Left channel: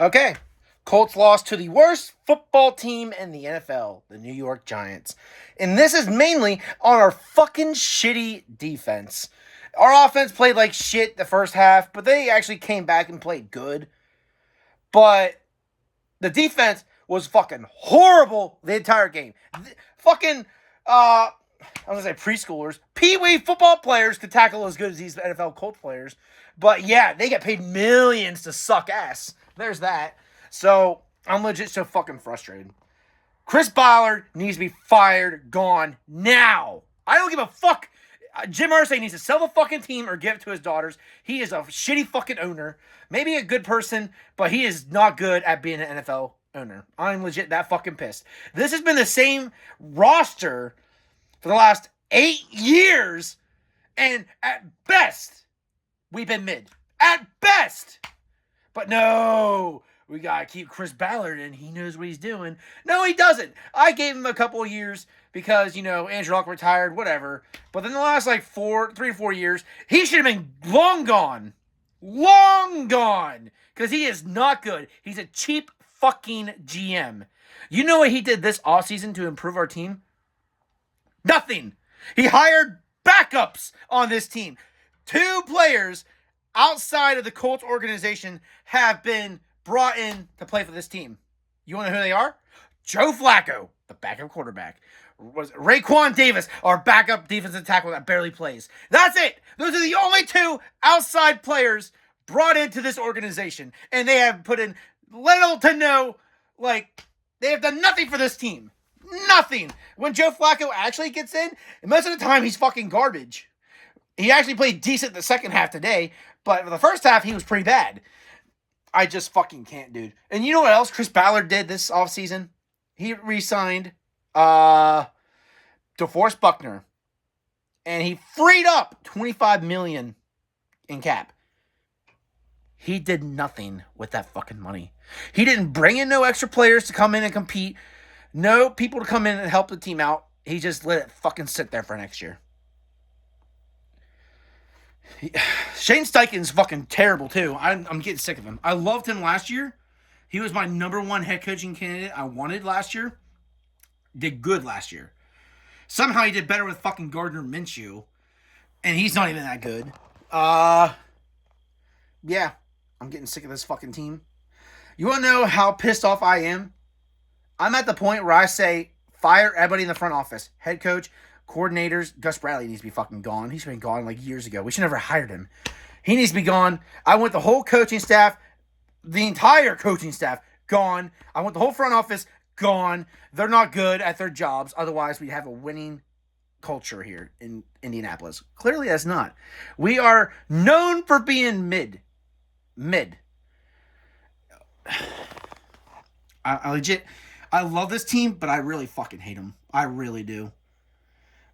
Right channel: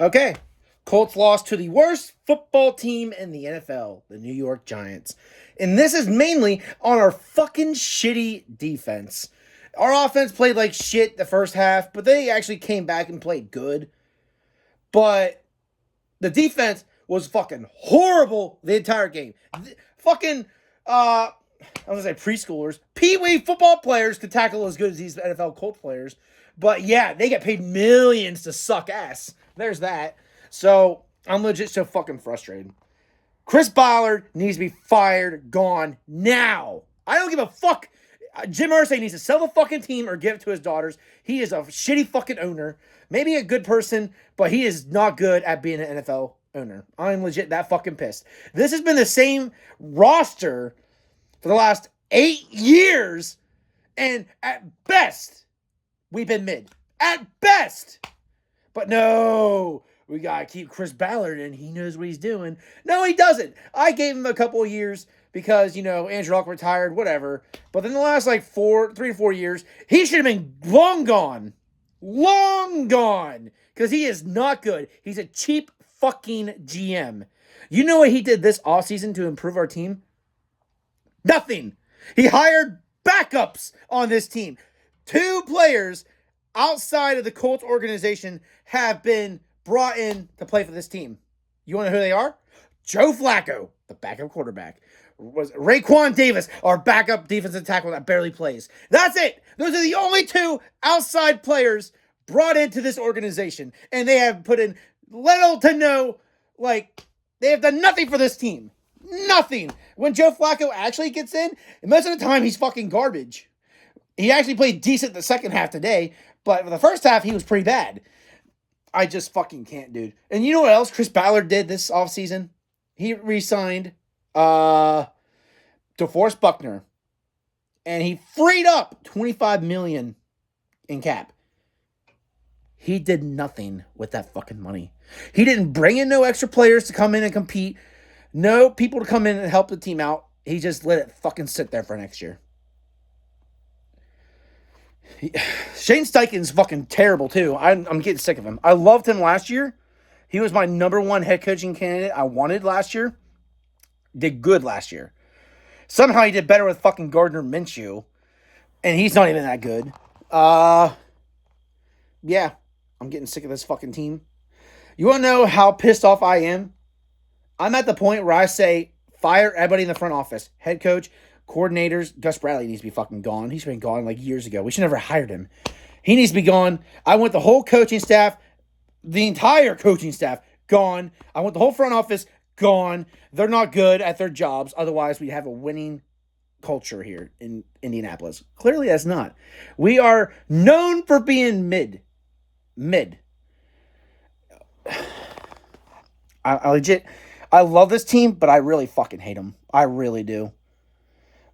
Okay. Colts lost to the worst football team in the NFL, the New York Giants. And this is mainly on our fucking shitty defense. Our offense played like shit the first half, but they actually came back and played good. But the defense was fucking horrible the entire game. Fucking, I'm going to say preschoolers, pee-wee football players could tackle as good as these NFL Colts players. But yeah, they get paid millions to suck ass. There's that. So I'm legit so fucking frustrated. Chris Ballard needs to be fired, gone now. I don't give a fuck. Jim Irsay needs to sell the fucking team or give it to his daughters. He is a shitty fucking owner. Maybe a good person, but he is not good at being an NFL owner. I'm legit that fucking pissed. This has been the same roster for the last 8 years, and at best, we've been mid. At best. But no, we got to keep Chris Ballard, and he knows what he's doing. No, he doesn't. I gave him a couple of years because, Andrew Luck retired, whatever. But in the last, 3 to 4 years, he should have been long gone. Long gone. Because he is not good. He's a cheap fucking GM. You know what he did this offseason to improve our team? Nothing. He hired backups on this team. 2 players outside of the Colts organization have been brought in to play for this team. You want to know who they are? Joe Flacco, the backup quarterback. Was Raekwon Davis, our backup defensive tackle that barely plays. That's it. Those are the only 2 outside players brought into this organization. And they have put in little to no, they have done nothing for this team. Nothing. When Joe Flacco actually gets in, most of the time he's fucking garbage. He actually played decent the second half today, but for the first half, he was pretty bad. I just fucking can't, dude. And you know what else Chris Ballard did this offseason? He re-signed DeForest Buckner. And he freed up $25 million in cap. He did nothing with that fucking money. He didn't bring in no extra players to come in and compete. No people to come in and help the team out. He just let it fucking sit there for next year. Shane Steichen's fucking terrible, too. I'm getting sick of him. I loved him last year. He was my number 1 head coaching candidate I wanted last year. Did good last year. Somehow he did better with fucking Gardner Minshew. And he's not even that good. Yeah. I'm getting sick of this fucking team. You want to know how pissed off I am? I'm at the point where I say, fire everybody in the front office. Head coach, coordinators. Gus Bradley needs to be fucking gone. He's been gone years ago. We should never hired him. He needs to be gone. I want the whole coaching staff, the entire coaching staff, gone. I want the whole front office gone. They're not good at their jobs. Otherwise, we'd have a winning culture here in Indianapolis. Clearly, that's not. We are known for being mid. I love this team, but I really fucking hate them. I really do.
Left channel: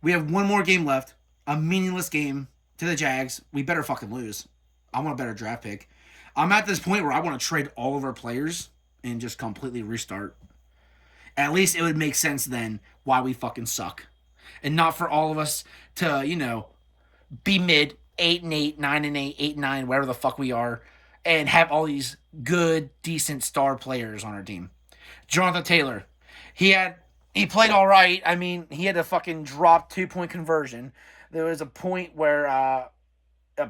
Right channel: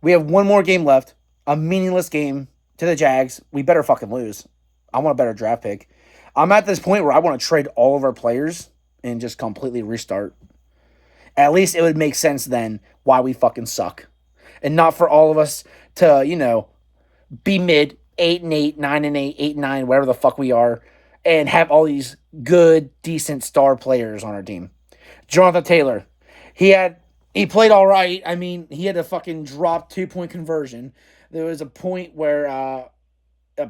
We have one more game left. A meaningless game to the Jags. We better fucking lose. I want a better draft pick. I'm at this point where I want to trade all of our players and just completely restart. At least it would make sense then why we fucking suck. And not for all of us to, be mid 8-8, 9-8, 8-9, whatever the fuck we are, and have all these good, decent star players on our team. Jonathan Taylor, he played all right. I mean, he had a fucking drop 2-point conversion. There was a point where a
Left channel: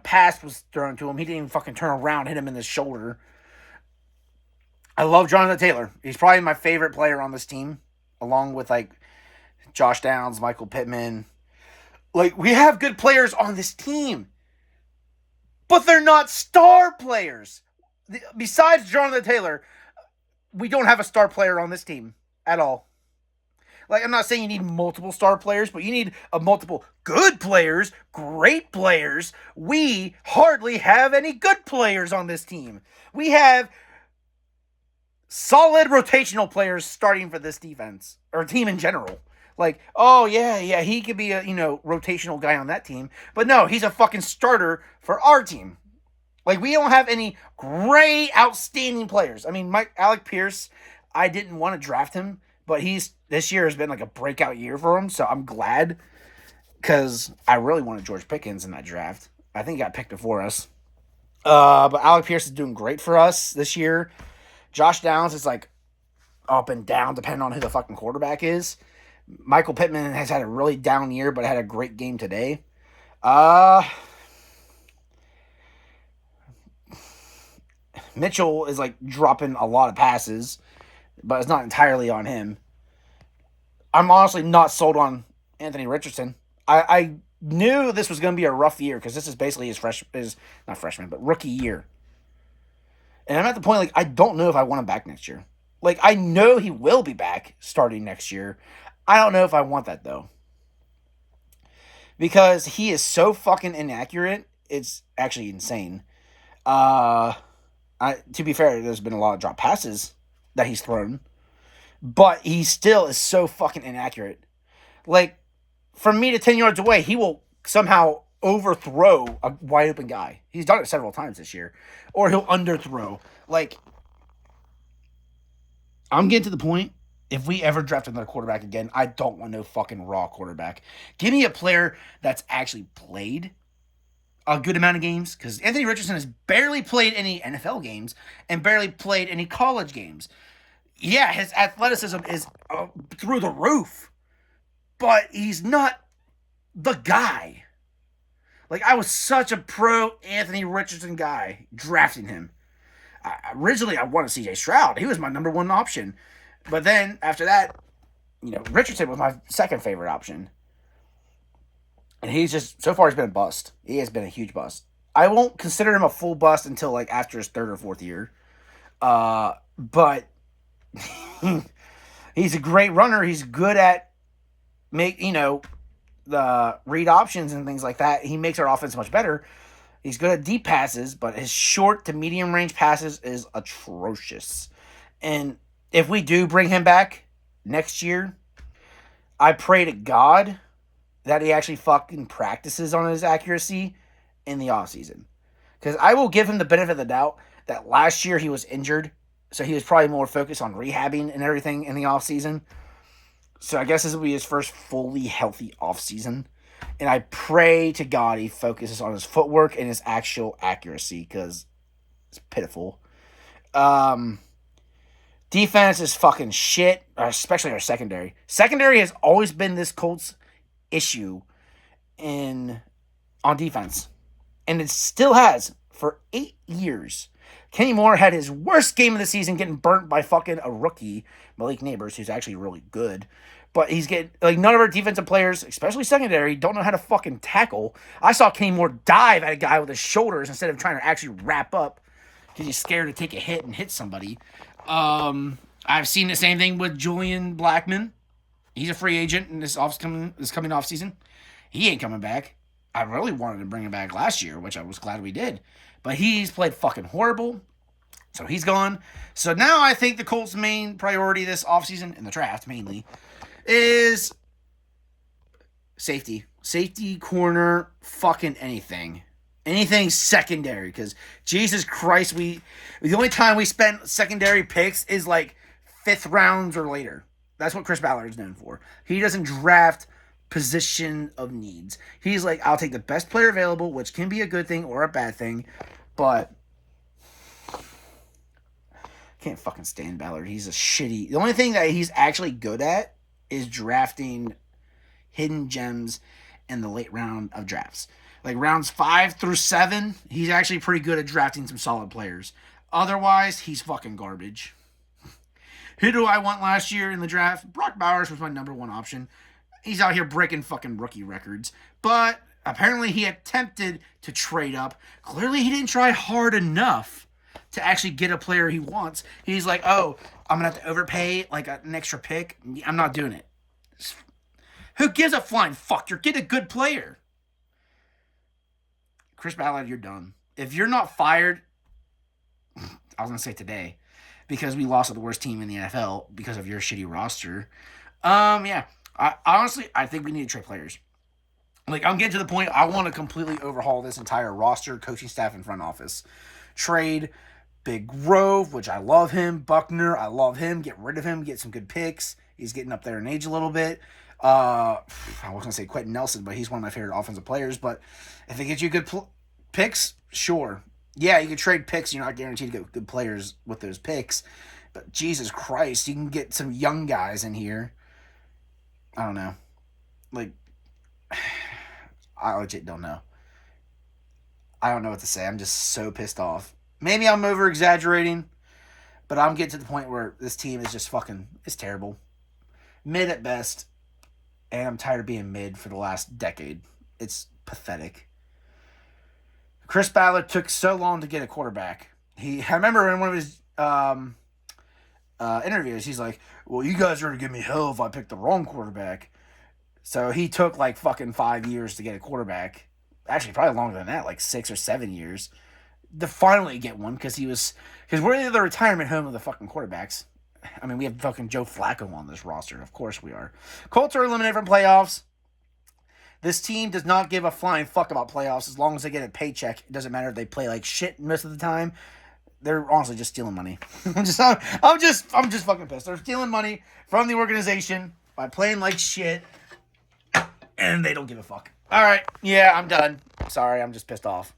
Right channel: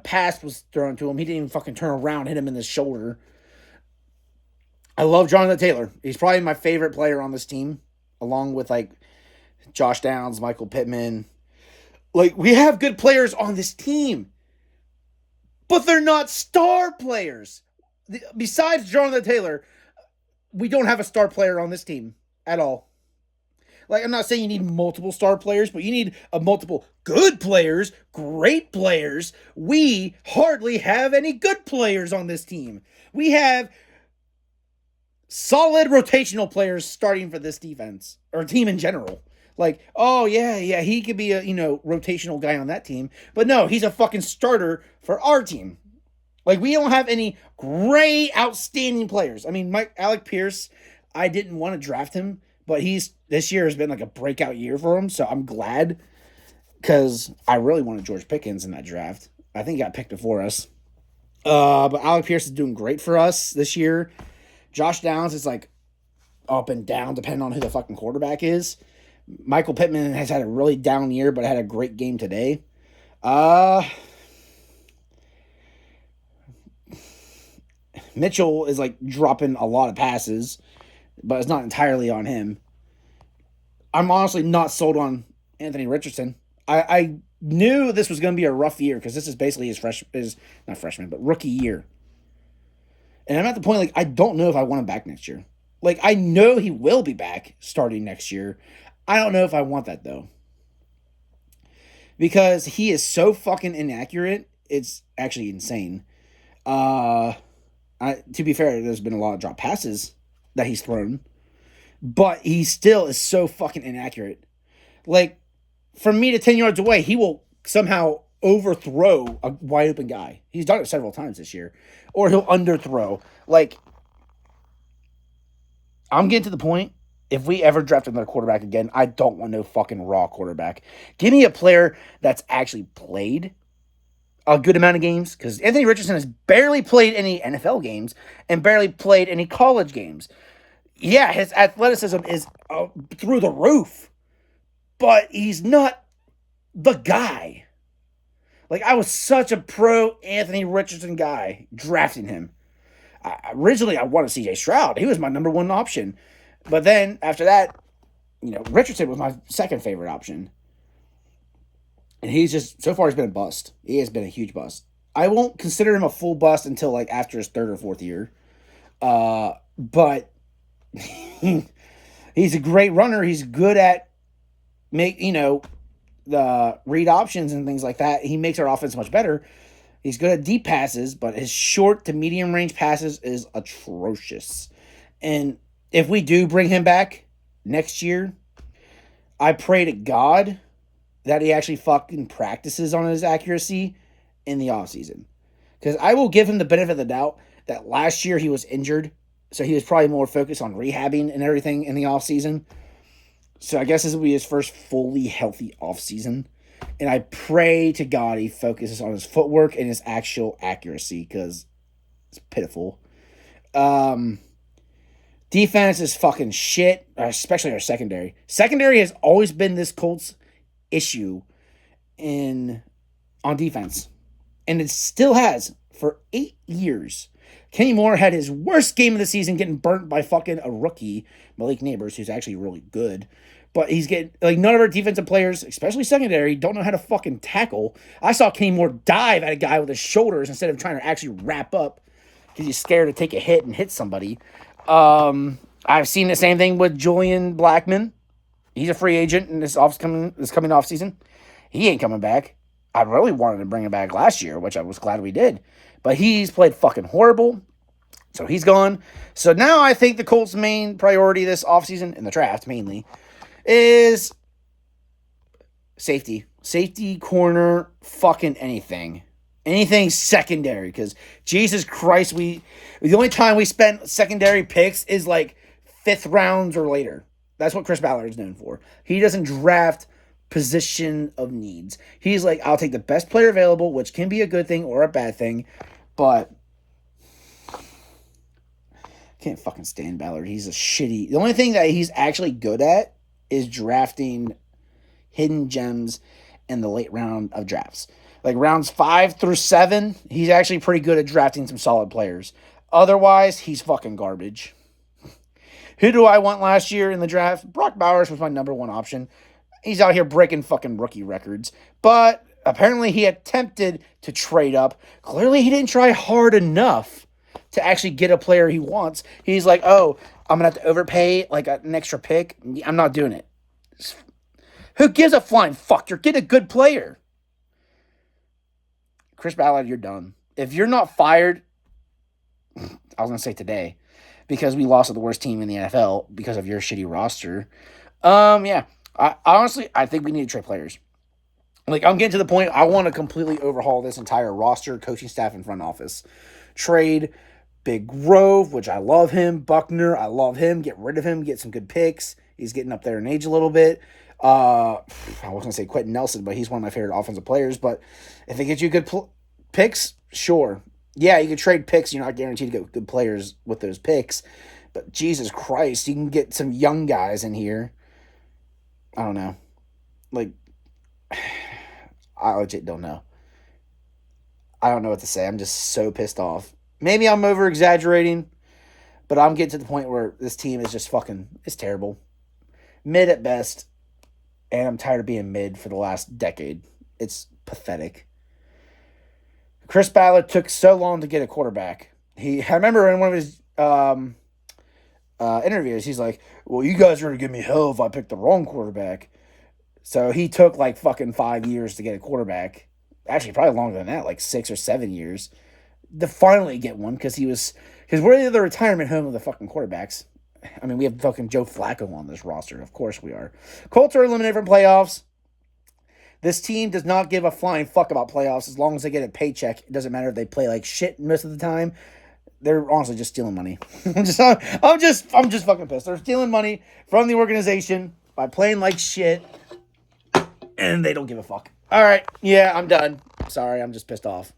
pass was thrown to him. He didn't even fucking turn around, hit him in the shoulder. I love Jonathan Taylor. He's probably my favorite player on this team, along with Josh Downs, Michael Pittman. We have good players on this team, but they're not star players. Besides Jonathan Taylor, we don't have a star player on this team at all. I'm not saying you need multiple star players, but you need multiple good players, great players. We hardly have any good players on this team. We have solid rotational players starting for this defense, or team in general. He could be a, rotational guy on that team. But no, he's a fucking starter for our team. We don't have any great, outstanding players. I mean, Alec Pierce, I didn't want to draft him, but this year has been a breakout year for him, so I'm glad, because I really wanted George Pickens in that draft. I think he got picked before us. But Alec Pierce is doing great for us this year. Josh Downs is like up and down depending on who the fucking quarterback is. Michael Pittman has had a really down year, but had a great game today. Mitchell is like dropping a lot of passes, but it's not entirely on him. I'm honestly not sold on Anthony Richardson. I knew this was going to be a rough year because this is basically his not freshman, but rookie year. And I'm at the point, like, I don't know if I want him back next year. Like, I know he will be back starting next year. I don't know if I want that, though. Because he is so fucking inaccurate, it's actually insane. To be fair, there's been a lot of drop passes that he's thrown. But he still is so fucking inaccurate. Like, from me to 10 yards away, he will somehow overthrow a wide open guy. He's done it several times this year. Or he'll underthrow. Like, I'm getting to the point, if we ever draft another quarterback again, I don't want no fucking raw quarterback. Give me a player that's actually played a good amount of games, because Anthony Richardson has barely played any NFL games and barely played any college games. Yeah, his athleticism is through the roof, but he's not the guy. Like, I was such a pro Anthony Richardson guy drafting him. Originally, I wanted CJ Stroud. He was my number one option. But then, after that, Richardson was my second favorite option. And he's just, so far, he's been a bust. He has been a huge bust. I won't consider him a full bust until, like, after his third or fourth year. But he's a great runner. He's good at the read options and things like that. He makes our offense much better. He's good at deep passes, but his short to medium range passes is atrocious. And if we do bring him back next year, I pray to God that he actually fucking practices on his accuracy in the offseason. Because I will give him the benefit of the doubt that last year he was injured, so he was probably more focused on rehabbing and everything in the offseason. So I guess this will be his first fully healthy offseason. And I pray to God he focuses on his footwork and his actual accuracy, because it's pitiful. Defense is fucking shit, especially our secondary. Secondary has always been this Colts issue on defense. And it still has for 8 years. Kenny Moore had his worst game of the season getting burnt by fucking a rookie, Malik Neighbors, who's actually really good. But he's getting, like, none of our defensive players, especially secondary, don't know how to fucking tackle. I saw Kenny Moore dive at a guy with his shoulders instead of trying to actually wrap up because he's scared to take a hit and hit somebody. I've seen the same thing with Julian Blackmon. He's a free agent in this coming off season. He ain't coming back. I really wanted to bring him back last year, which I was glad we did. But he's played fucking horrible. So he's gone. So now I think the Colts' main priority this offseason, in the draft mainly, is safety. Safety, corner, fucking anything. Anything secondary. Because, Jesus Christ, the only time we spent secondary picks is like 5th rounds or later. That's what Chris Ballard is known for. He doesn't draft position of needs. He's like, I'll take the best player available, which can be a good thing or a bad thing, but I can't fucking stand Ballard. He's a shitty. The only thing that he's actually good at is drafting hidden gems in the late round of drafts. Like rounds 5 through 7, he's actually pretty good at drafting some solid players. Otherwise, he's fucking garbage. Who do I want last year in the draft? Brock Bowers was my number one option. He's out here breaking fucking rookie records. But apparently he attempted to trade up. Clearly he didn't try hard enough to actually get a player he wants. He's like, oh, I'm going to have to overpay like an extra pick. I'm not doing it. Who gives a flying fuck? You're getting a good player. Chris Ballard, you're done. If you're not fired, I was going to say today, because we lost to the worst team in the NFL because of your shitty roster. Yeah. I think we need to trade players. Like, I'm getting to the point, I want to completely overhaul this entire roster, coaching staff, and front office. Trade Big Grove, which I love him. Buckner, I love him. Get rid of him. Get some good picks. He's getting up there in age a little bit. I was going to say Quentin Nelson, but he's one of my favorite offensive players. But if they get you good picks, sure. Yeah, you can trade picks. You're not guaranteed to get good players with those picks. But Jesus Christ, you can get some young guys in here. I don't know. Like, I legit don't know. I don't know what to say. I'm just so pissed off. Maybe I'm over exaggerating, but I'm getting to the point where this team is just fucking, it's terrible. Mid at best, and I'm tired of being mid for the last decade. It's pathetic. Chris Ballard took so long to get a quarterback. I remember in one of his interviews, he's like, well, you guys are going to give me hell if I pick the wrong quarterback. So he took like fucking 5 years to get a quarterback. Actually, probably longer than that, like 6 or 7 years. To finally get one because we're the retirement home of the fucking quarterbacks. I mean, we have fucking Joe Flacco on this roster. Of course we are. Colts are eliminated from playoffs. This team does not give a flying fuck about playoffs as long as they get a paycheck. It doesn't matter if they play like shit most of the time. They're honestly just stealing money. I'm just fucking pissed. They're stealing money from the organization by playing like shit, and they don't give a fuck. All right, yeah, I'm done. Sorry, I'm just pissed off.